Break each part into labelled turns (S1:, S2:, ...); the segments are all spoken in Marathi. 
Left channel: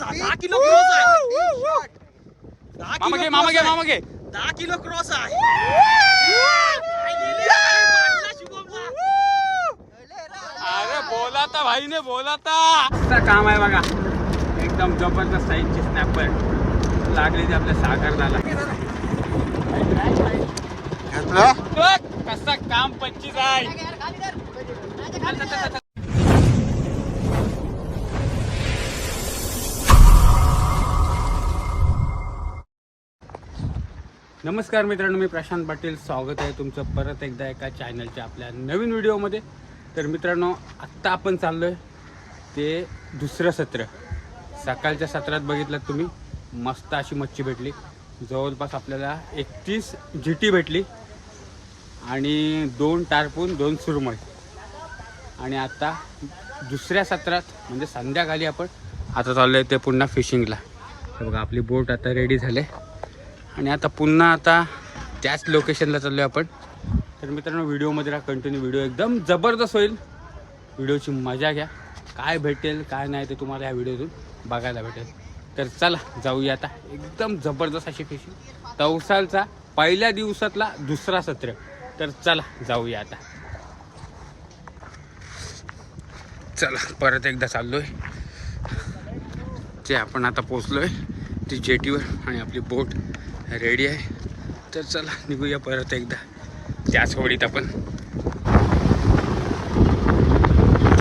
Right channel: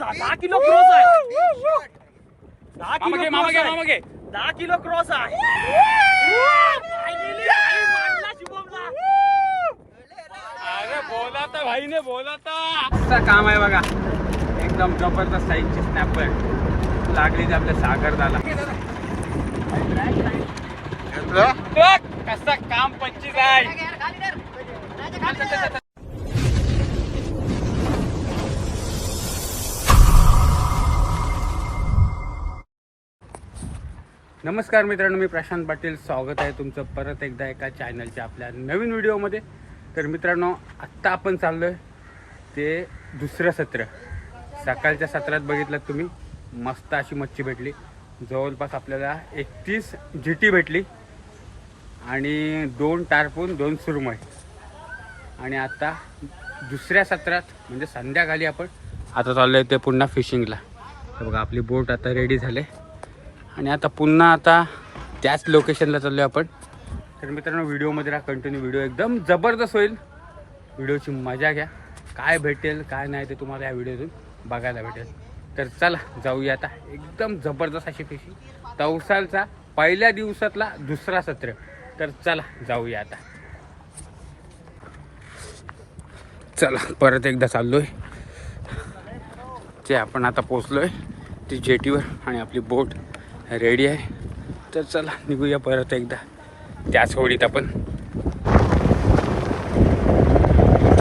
S1: दहा किलो क्रॉस आहे
S2: मामा घे
S1: किलो
S2: मामा घे मामा घे.
S1: दहा किलो क्रॉस आहे
S2: अरे बोला तर भाईने बोला तर काम आहे बघा एकदम जबरदस्त साईजची स्नॅपर लागली ते आपल्या सागर झाला कसा काम पच्चीस आहे नमस्कार मित्रांनो मी प्रशांत पाटील. स्वागत आहे तुमचं परत एकदा एका चॅनलच्या आपल्या नवीन व्हिडिओमध्ये. तर मित्रांनो आत्ता आपण चाललो आहे ते दुसरं सत्र. सकाळच्या सत्रात बघितलं तुम्ही मस्त अशी मच्छी भेटली. जवळपास आपल्याला एकतीस जी भेटली आणि दोन टारपून दोन सुरमय आणि आता दुसऱ्या सत्रात म्हणजे संध्याकाळी आपण आता चाललो आहे ते पुन्हा फिशिंगला बघा आपली बोट आता रेडी झाले. आणि आता पुन्हा आता त्याच लोकेशनला चाललो आहे आपण. तर मित्रांनो व्हिडिओमध्ये राहा कंटिन्यू व्हिडिओ एकदम जबरदस्त होईल. व्हिडिओची मजा घ्या. काय भेटेल काय नाही ते तुम्हाला या व्हिडिओतून बघायला भेटेल. तर चला जाऊया आता. एकदम जबरदस्त अशी फिशिंग तवसालचा पहिल्या दिवसातला दुसरा सत्र. तर चला जाऊया आता. चला परत एकदा चाललोय. ते आपण आता पोचलोय ती जेटीवर आणि आपली बोट रेडी आहे. तर चला निघूया परत एकदा. त्याच होडीत आपण.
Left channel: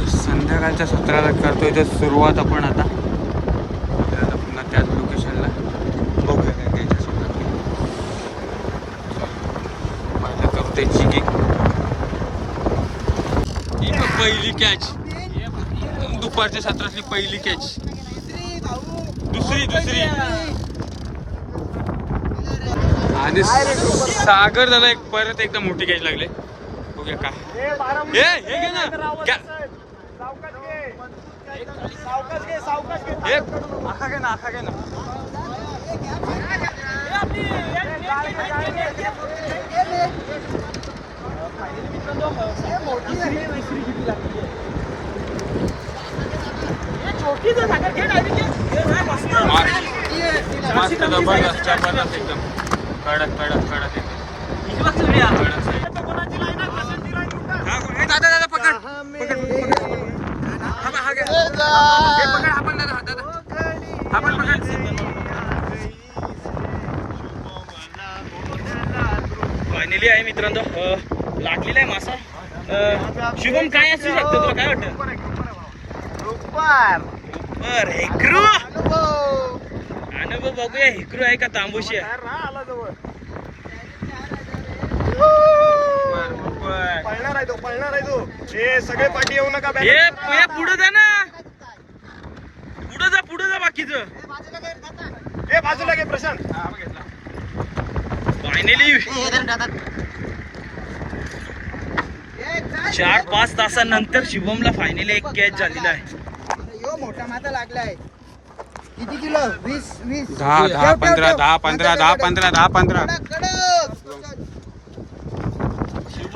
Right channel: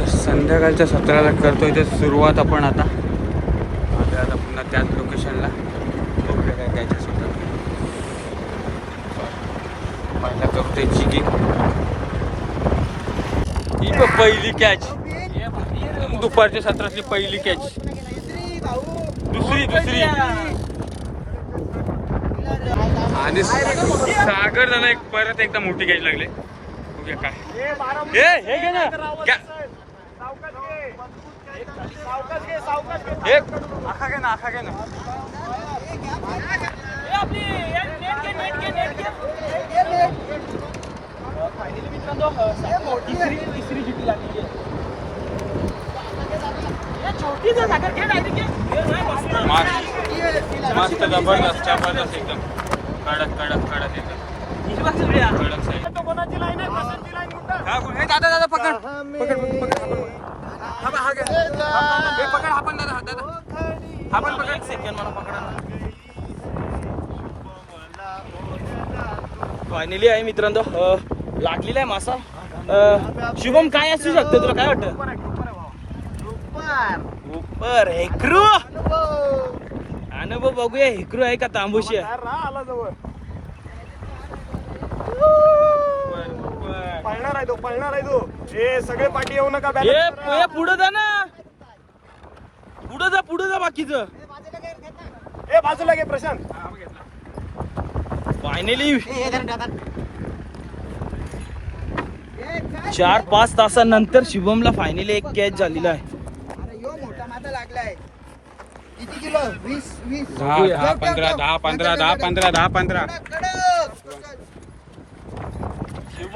S2: संध्याकाळच्या सत्राला करतोय तर सुरुवात आपण आता. आता पुन्हा त्याच लोकेशनला बघूया काय त्याच्या सत्रात करू त्याची की ही बघ पहिली कॅच दुपारच्या सत्रातली पहिली कॅच दुसरी दुसरी. आणि सागर झाला एक परत एकदा मोठी कॅच लागले. बघूया काय. हे हे घे ना. क्या- हे. आखा घे ना आखा घे ना. मस्त जबरदस्त जबरदस्त एकदम. कडक कडक कडक हा, हे दादा दादा पकड. पकड पकड पकड हा बा, घे. पकड पण दादा दादा. हा पण पकड.
S1: फायनली आहे मित्रांनो. लागलेला आहे मासा. शुभम काय असू शकतं? तुला काय वाटतं? उपर. हेकरू. आणि बघ बघूया हेकरू आहे का तांबूशी आहे?
S3: सगळे पाठी येऊ नका
S1: हे हे पुढे जा ना. पुढे जा पुढे जा बाकीचं.
S3: ए बाजूला घे प्रशांत.
S1: फायनली चार पाच तासानंतर शिवमला फायनली एक कॅच झालेला आहे.
S4: मोठा माता लागलाय. किती किलो? वीस वीस.
S2: दहा दहा पंधरा दहा पंधरा दहा पंधरा दहा पंधरा.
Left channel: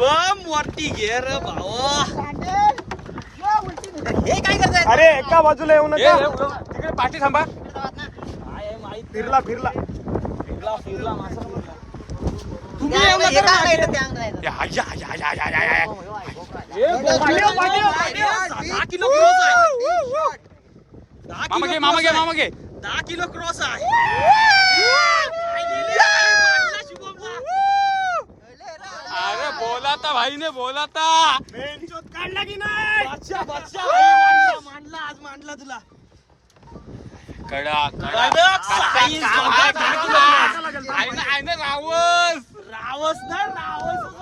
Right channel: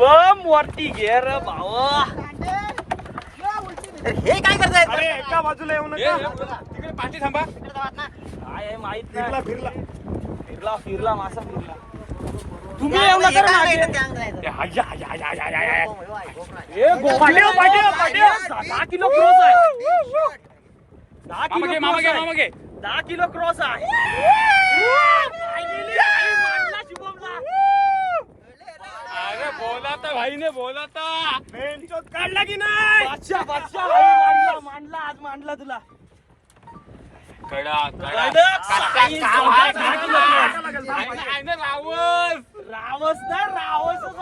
S1: शिवम वरती घे रे हे काय करताय?
S3: अरे एका बाजूला येऊ
S2: हे,
S3: नका
S2: तिकडे पाठी थांबा.
S1: काय माहीत
S3: फिरला फिरला.
S1: फिरला फिरला मासा. फिरला. तुम्ही येऊ नका ना मागे.
S2: हाया, हाया, हाया, हाया, हाया, हाया.
S1: पाट्या, पाट्या, पाट्या. दहा किलो क्रॉस आहे. दहा
S2: मामा घे मामा घे मामा घे.
S1: दहा किलो क्रॉस आहे.
S2: अरे बोला तर भाईने बोला तर
S3: बेंचोत काढला की नाही?
S1: बादशाह, बादशाह, मांडला, मांडला आज मांडला तुला.
S2: कडा कडा
S1: कडक
S2: ना, ना, रावस.
S1: रावस ना रावस.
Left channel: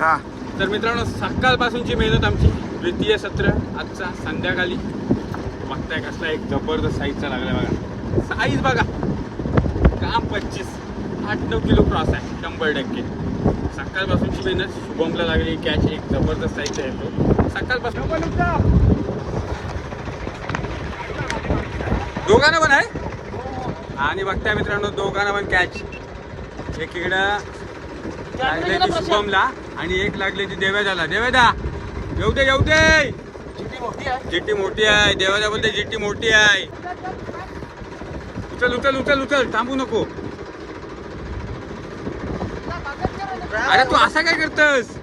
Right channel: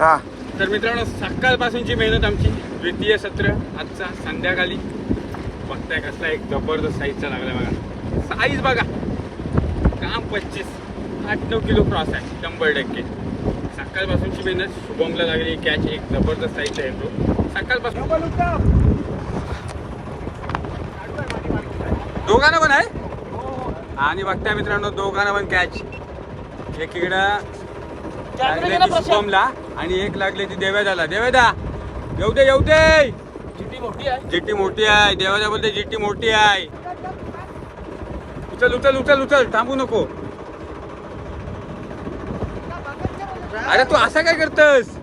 S2: हा. तर मित्रांनो सकाळपासूनची मेहनत आमची. द्वितीय सत्र आजचा संध्याकाळी. बघताय कसला एक जबरदस्त साईजचा लागला बघा. साईज बघा. काम पच्चीस. आठ नऊ किलो क्रॉस आहे. शंभर टक्के. सकाळपासूनची मेहनत शुभमला लागली कॅच एक जबरदस्त साईज आहे तो सकाळपासून दोघांना पण आहे? आणि बघताय मित्रांनो दोघांना पण कॅच एक इकडं लागले ती शुभमला आणि एक लागले ती देवेदाला. देवेदा येऊ दे येऊ दे! जिट्टी मोठी आहे. देवाच्या बोलते जिट्टी मोठी आहे. उचल उचल उचल उचल. थांबू नको. अरे तू असा काय करतस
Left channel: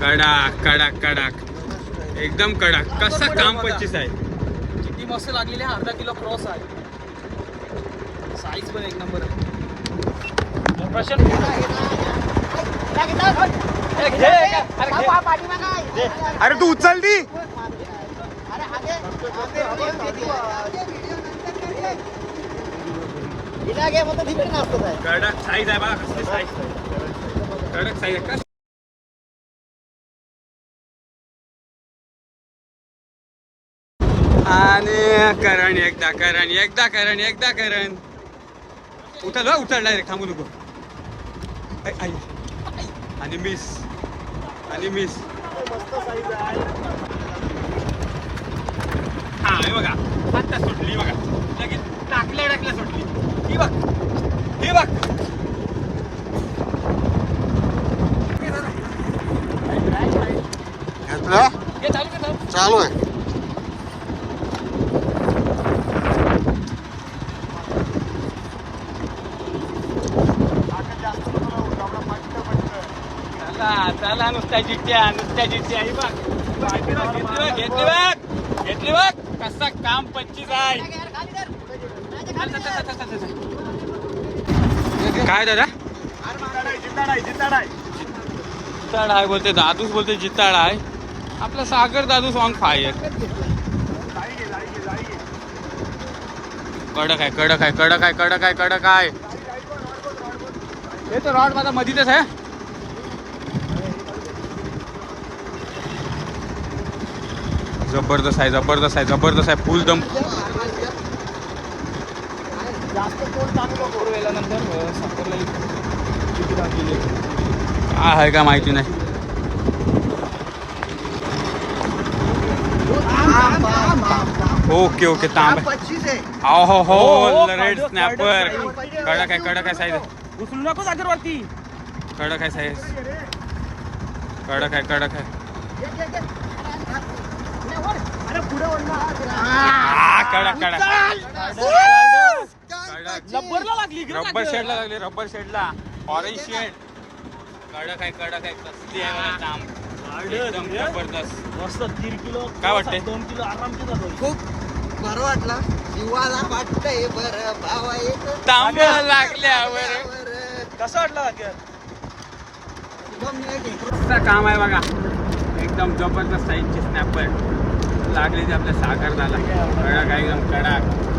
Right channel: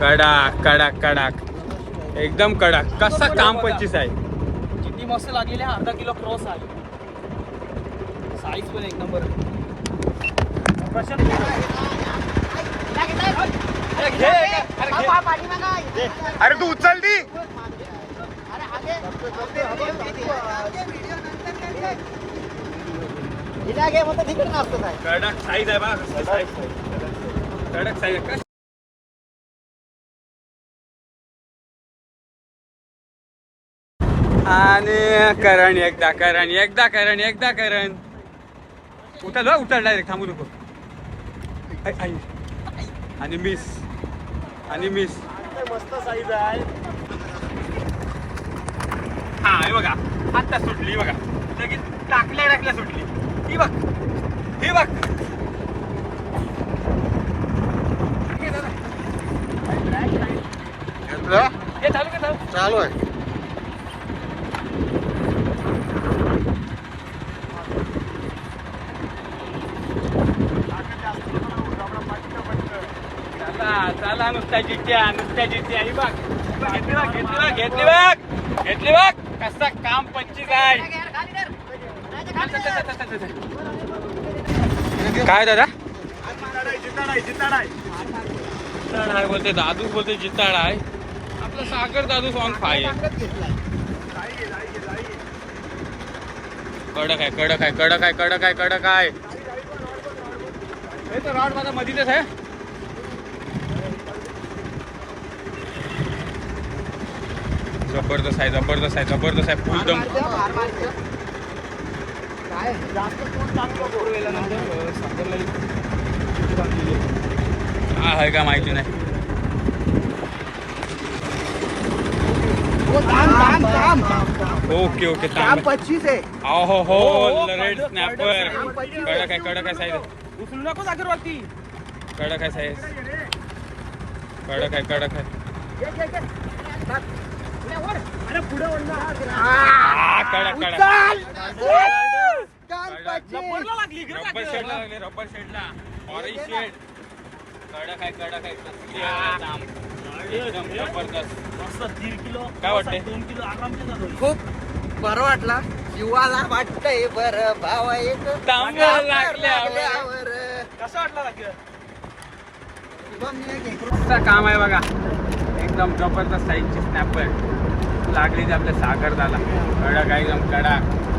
S2: कडक कडक कडक एकदम कडक कसा काम पच्चीस आहे
S1: चिट्टी मस्त लागलेली आहे अर्धा किलो क्रॉस आहे साईज पण एक नंबर
S3: अरे तू उचल दी
S2: कडक साईज आहे बा कडक साईज. आहे. आणि करण एकदा करण एकदा करण एकदा करण. बा, उचल डायरेक्ट थांबू नको. आणि मिस आणि मिस हा हे बघा. आता सुटली बघा. लगेच टाकल्या टाकल्या सुटली ही बघ. ही बघ.
S3: घेतलं?
S1: हे चालू का चालू.
S3: चालू आहे.
S2: चला नुसत्या चिठ्ठ्या नुसत्या ही बघ घेतली बघ घेतली बघ घेतली बघ. घेतली काम पच्चीस आहे. काय दादा? जिताड आहे बोलते दादूच बोलते जिताड आहे. आपला सागर दादू सॉन्ग फाय कडक आहे कडक आहे कडक आहे कडक आहे कडक आहे. हे तो रॉड माझा मधीतच आहे. जबरदस्त आहे जबरदस्त आहे जबरदस्त आहे फुल दम. काय आहे का माहिती नाही. ओके ओके तांब. हो हो रेड स्नॅपर कडक आहे कडक आहे साईज कडक आहे साईज कडक आहे कडक आहे. कडक
S1: रबरला लागली
S2: रब्बर शेडला लागले रब्बर शेडला. ऑरेंज शेड कडक आहे कडक आहे कसली आहे बघा एकदम जबरदस्त.
S1: किलो
S2: काय वाटतंय?
S1: दोन किलो आरामचं जातो
S4: खूप बरं वाटला. जीवाला वाटतंय बरं भावा एक.
S2: तांब लागल्यावर.
S1: कसं
S2: काम आहे बघा. एकदम जबरदस्त साईजची स्नॅपर लागलीच आपल्या साखरदाला. कडक आहे एकदम कडक.